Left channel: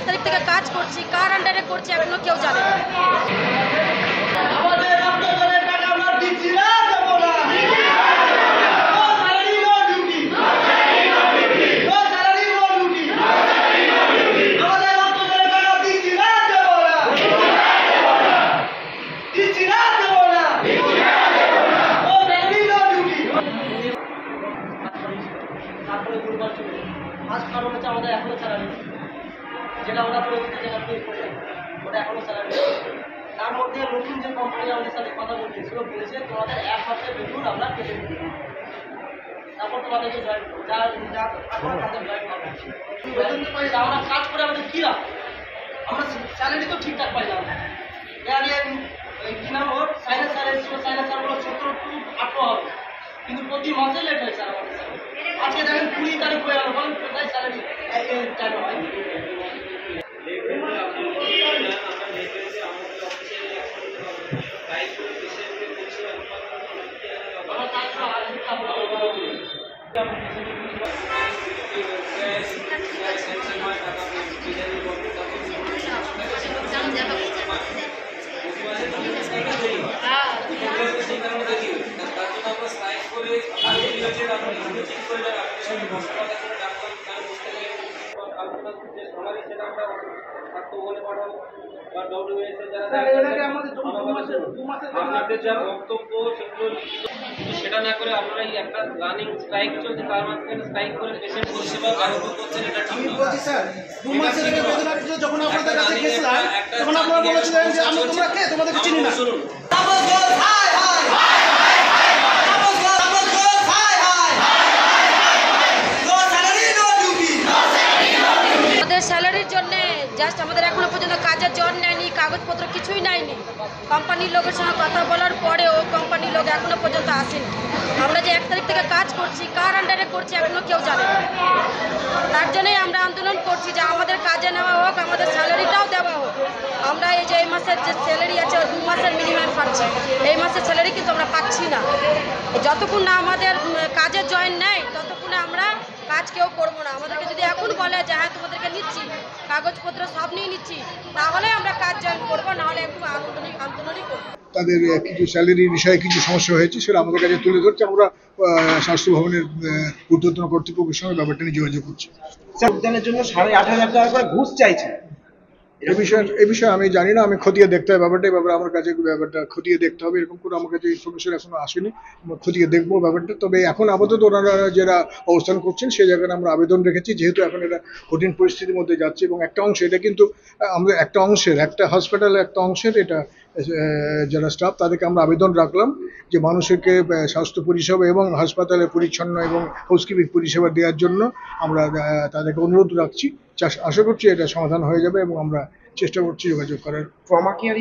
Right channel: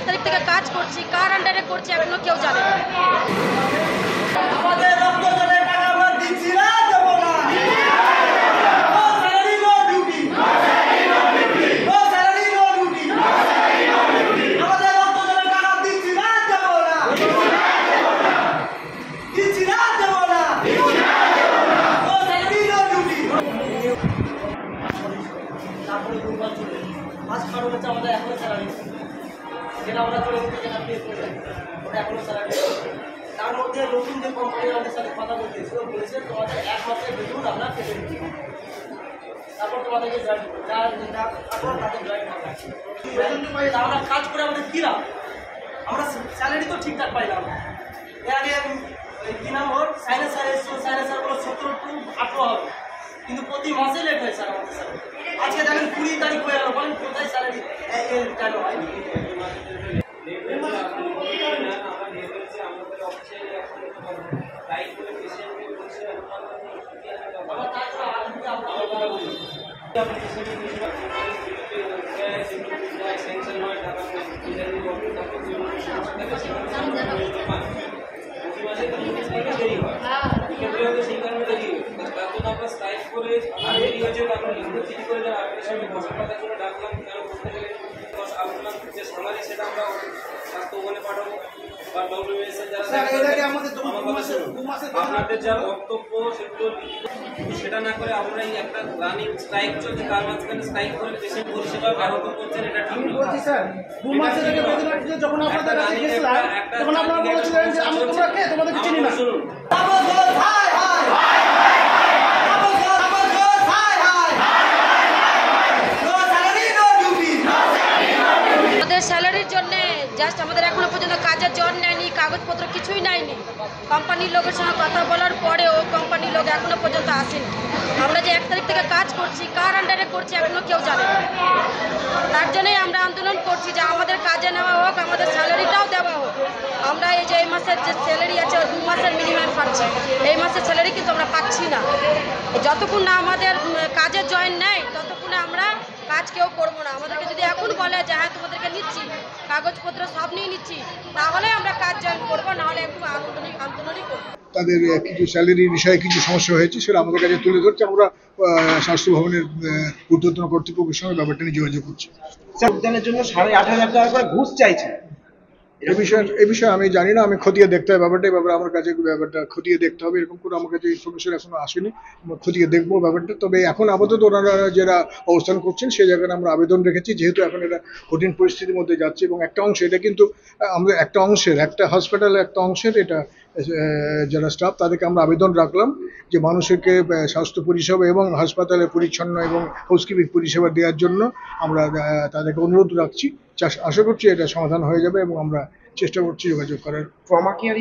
1 তারিখ থেকে কাজ করছি, কার আন্ডারে করছি এখনো কেউ জানে না। আমাদের এখনো স্যালারি যেটা আমরা করে উঠতে ওটা এখনো স্যালারি। তার মধ্যে নতুন যে কোম্পানি আমাদের সাথে কথা বলতেছিল বলেছে তোমাদের 1 মাসের বেতন আমরা কেটে দিই, তারপর তোমাদেরকে জয়েন করবো, তাদের জয়েন হবে। আমরা কাজ করে আমাদের কী লাভ? আমরা স্যালারি তো ঠিকঠাক পাই না। কী নাম ওর সাইনাস স্যার এসেছিল, সাইনাস স্যারগুলো 17 to 18 হবে, কিন্তু প্রতি মাসে লেট হয় স্যার আমাদের স্যার। আজকে দেখেন 20 তারিখ হয়ে গেল, বলেন কোথায় স্যালারি কেন হয়? আপনাদের যা বক্তব্য সেগুলো কিন্তু সেটা না করে আপনারা এই একটা রানিং স্ট্রাইক চলছে, তার মাঝখানে স্ট্রাইক করে পেশেন্ট পরিষেবা ব্যাহত করছেন, এটা ঠিক নয়। শুনুন, স্যালারির জন্য জাস্ট আমাদের এখনো পর্যন্ত কাজের জন নেয়নি, কাগজপত্র কিছুই নেয়নি। কোম্পানির লোকের সঙ্গে কথা বলার পরেও কোম্পানির লোক এখনো পর্যন্ত আসেনি। আমরা যে 1 তারিখ থেকে কাজ করছি, কার আন্ডারে করছি এখনো কেউ জানে না। তার জন্যই আমরা আন্দোলন করছি যে আমাদের কাজে নেওয়া হোক, আমাদের স্যালারিটাও দেওয়া হোক। আমরা এই যে এই মাসের যে স্যালারি আছে 2 মাসের মিনিমাম পাচ্ছি, এই মাসের স্যালারি কিন্তু আমরা পাচ্ছি না। যতক্ষণ না আমাদের কাজের জয়েন নেয় ততক্ষণে আমরা কাজ কেউ করবো না। আমাদেরকে যদি এখন বলে যে হ্যাঁ তোমাদেরকে নিচ্ছি, কাগজপত্র সব নিয়ে নিচ্ছি, তাহলে আমরা কাজ জয়েন করবো, নাহলে একটু আন্দোলনই করবো। তাদের কিছু স্যালারি বিষয়ে কিছু সমস্যা হয়েছে, সেটা আমাদের কাছে তুলে ধরছে। আমরা স্বাস্থ্য ভবনের ঊর্ধ্বতন কর্তৃপক্ষের সঙ্গে ব্যাপারটা নিয়ে যোগাযোগ করছি। উদ্যানের জন্য 8,500 টাকা করে ঘুষ চাইছে। এই বিষয়ে আমি জানি না, আমি খতিয়ে দেখতে হবে ব্যাপারটা। ব্যাপারে আমার কাছে ব্যাপারটা খতিয়ে দেখতে হবে, এরকম করে আমার কাছে ইনফরমেশন এখনো আসেনি। খতিয়ে দেখবো ব্যাপারটা। তবে এখন আপাতত ওনারা যারা অবস্থান করছেন সেই জায়গায় আমরা আবেদন রেখেছি, যেহেতু এখন এটা কঠিন পরিস্থিতির মধ্যে যাচ্ছে এবং একটা অংশ এটা কিন্তু আমরা একটা হসপিটালের একটা অংশের এটা যারা স্টাফ তাদেরকে আমরা আবেদন রাখলাম যে মানুষকে স্বাস্থ্য পরিষেবা এবং হাসপাতালে পরিচ্ছন্ন এবং হাউসকিপিং পরিষেবা দেওয়ার জন্য আমরা তাদেরকে অনুরোধ রাখছি। আশা করছি এটা সমাধান হয়ে যাবে এবং আমরা চেষ্টা করছি যোগাযোগ করার। Trauma care